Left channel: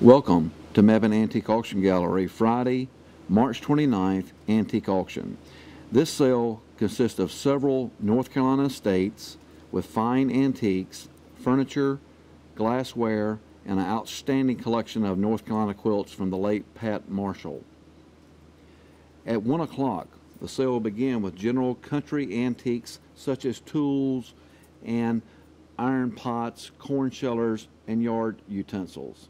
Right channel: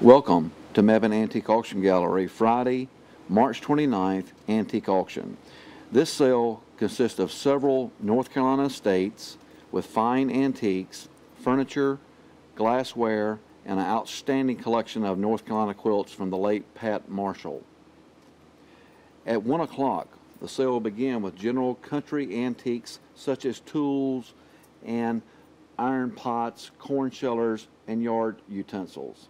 Welcome to Mebane Antique Auction Gallery, Friday, March 29th Antique Auction. This sale consists of several North Carolina estates with fine antiques, furniture, glassware, and an outstanding collection of North Carolina quilts from the late Pat Marshall. At 1 o'clock, the sale will begin with general country antiques such as tools and iron pots, corn shellers, and yard utensils.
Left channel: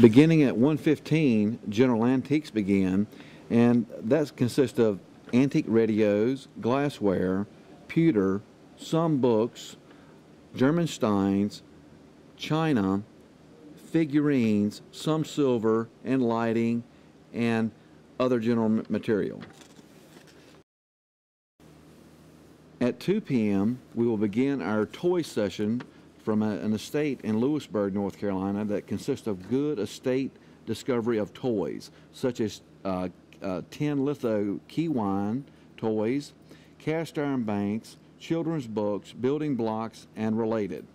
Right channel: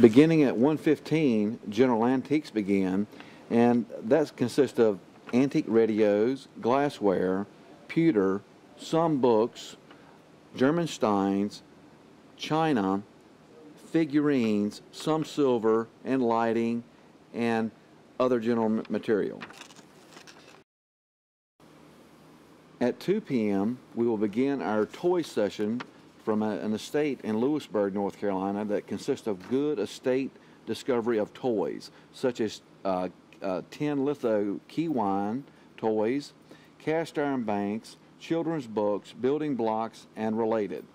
Beginning at 1:15, General Antiques began, and that consists of antique radios, glassware, pewter, some books, German steins, china, figurines, some silver, and lighting, and other general material. At 2 p.m., we will begin our toy session from an estate in Lewisburg, North Carolina that consists of good estate discovery of toys, such as 10 litho key wine toys, cast iron banks, children's books, building blocks, and related.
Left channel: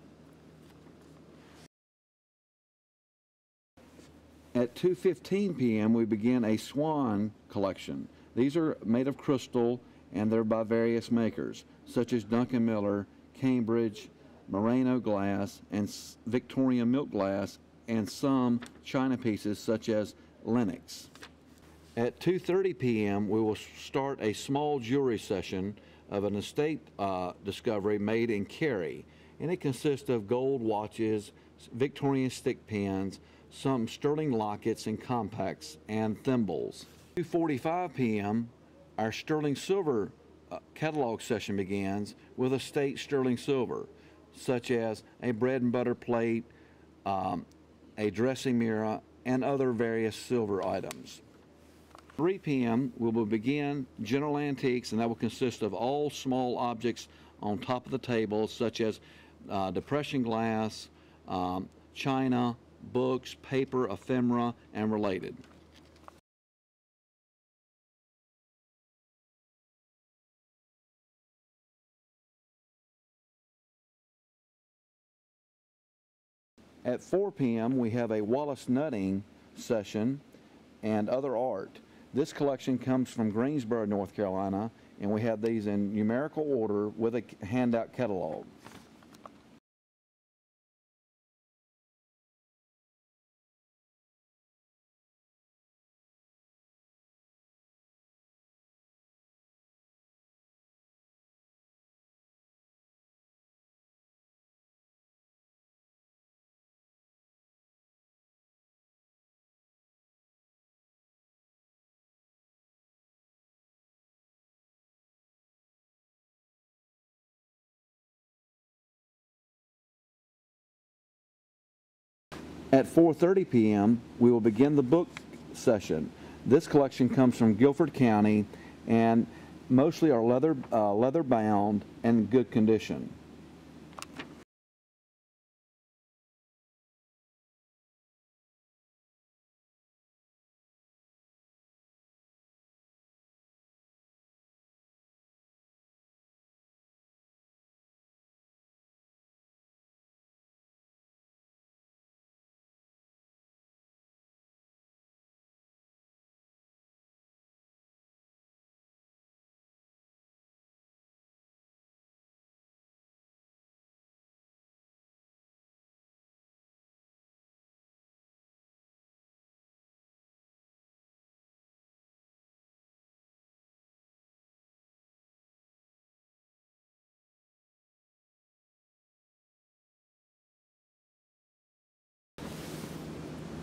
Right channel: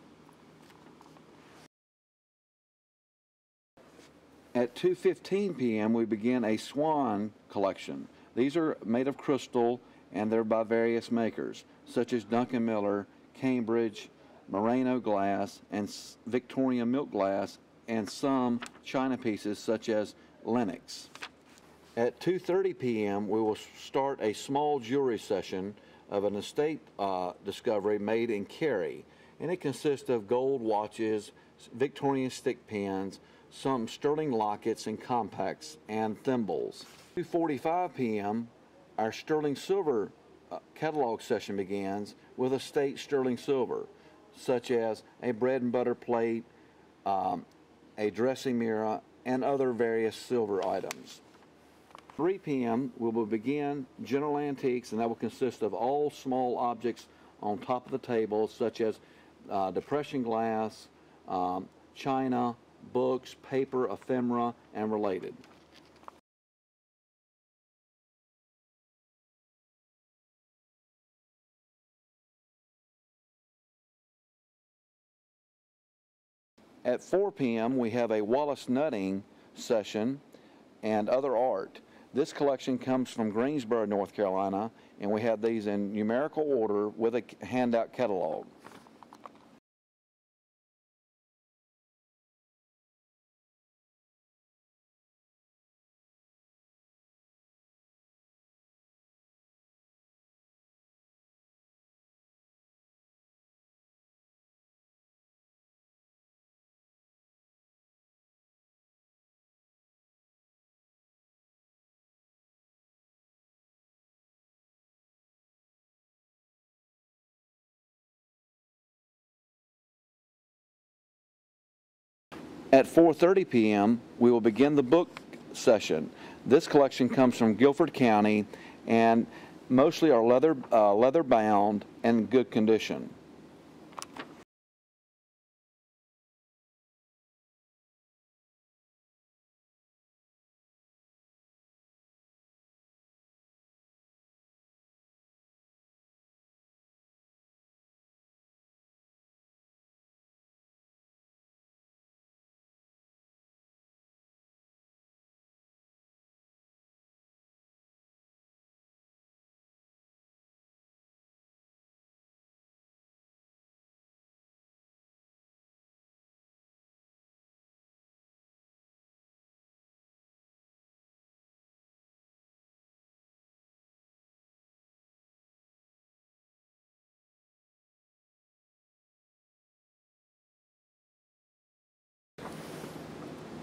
At 2:15 p.m., we begin a swan collection. These are made of crystal, and they're by various makers, such as Duncan Miller, Cambridge, Merino glass, and Victorian milk glass, and some china pieces such as Lenox. At 2:30 p.m., we will start a small jewelry session of an estate discovery made in Cary, and it consists of gold watches, Victorian stick pins, some sterling lockets and compacts, and thimbles. 2:45 p.m., our sterling silver catalog session begins with estate sterling silver, such as a bread and butter plate, a dressing mirror, and other various silver items. 3 p.m. we will begin general antiques, and that will consist of all small objects on top of the table, such as depression glass, china, books, paper, ephemera, and related. At 4 p.m. we have a Wallace nutting session and other art. This collection comes from Greensboro, North Carolina, and we have these in numerical order with a handout catalog. At 4:30 p.m., we will begin the book session. This collection comes from Guilford County, and mostly are leather bound and good condition.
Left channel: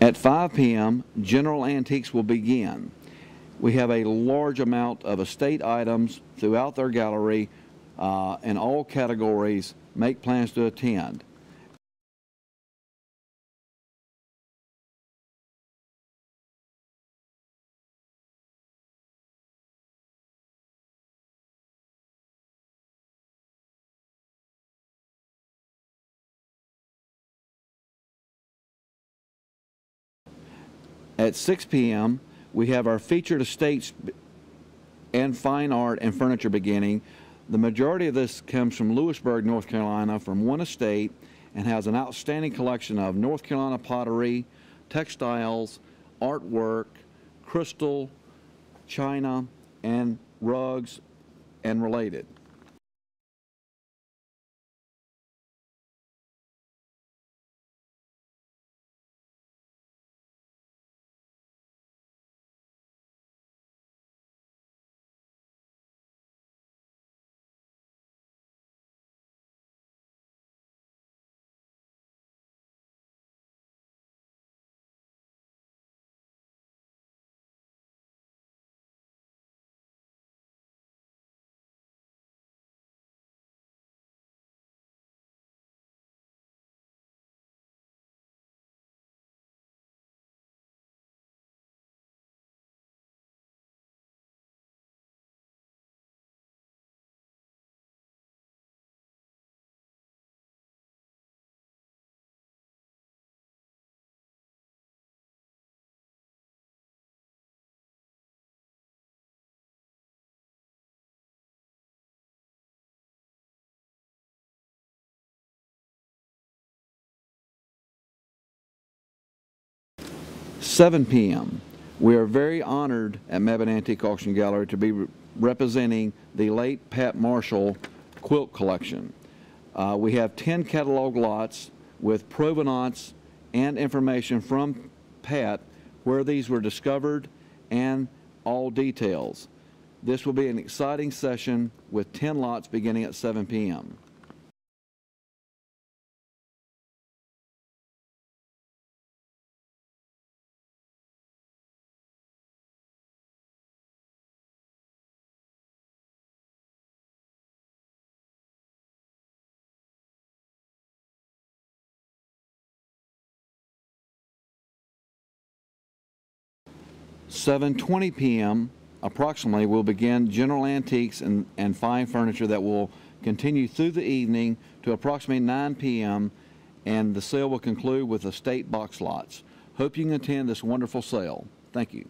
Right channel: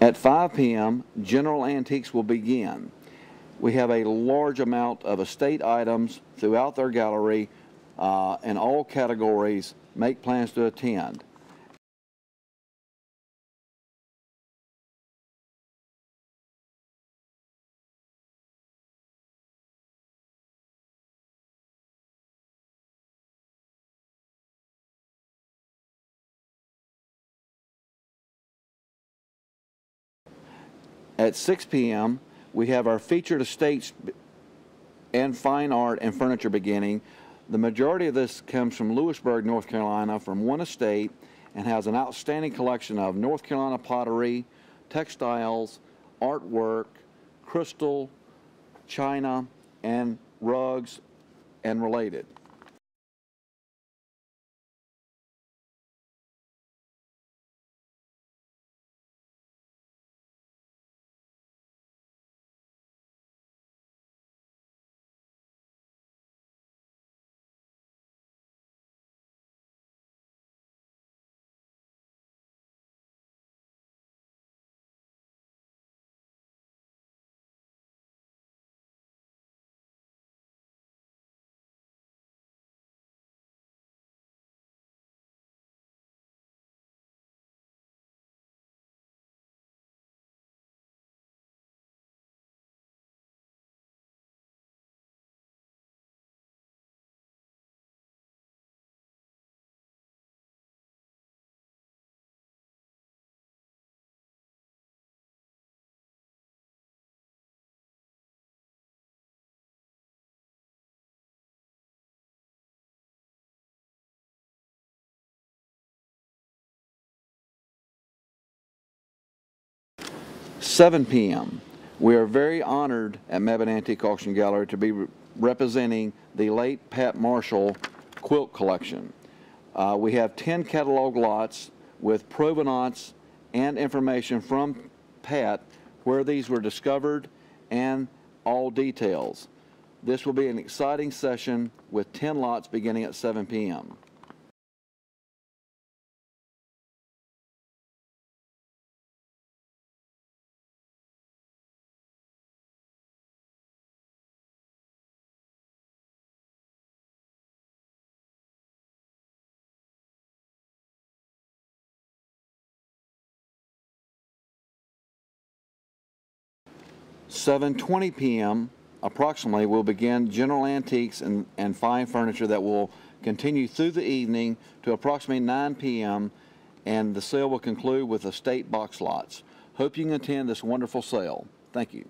At 5 p.m., general antiques will begin. We have a large amount of estate items throughout their gallery in all categories. Make plans to attend. At 6 p.m., we have our featured estates and fine art and furniture beginning. The majority of this comes from Lewisburg, North Carolina, from one estate, and has an outstanding collection of North Carolina pottery, textiles, artwork, crystal, china, and rugs, and related. At 7 p.m. We are very honored at Mebane Antique Auction Gallery to be representing the late Pat Marshall quilt collection. We have 10 catalog lots with provenance and information from Pat where these were discovered and all details. This will be an exciting session with 10 lots beginning at 7 p.m. At 7:20 p.m. approximately, we'll begin general antiques and fine furniture that will continue through the evening to approximately 9 p.m. and the sale will conclude with estate box lots. Hope you can attend this wonderful sale. Thank you.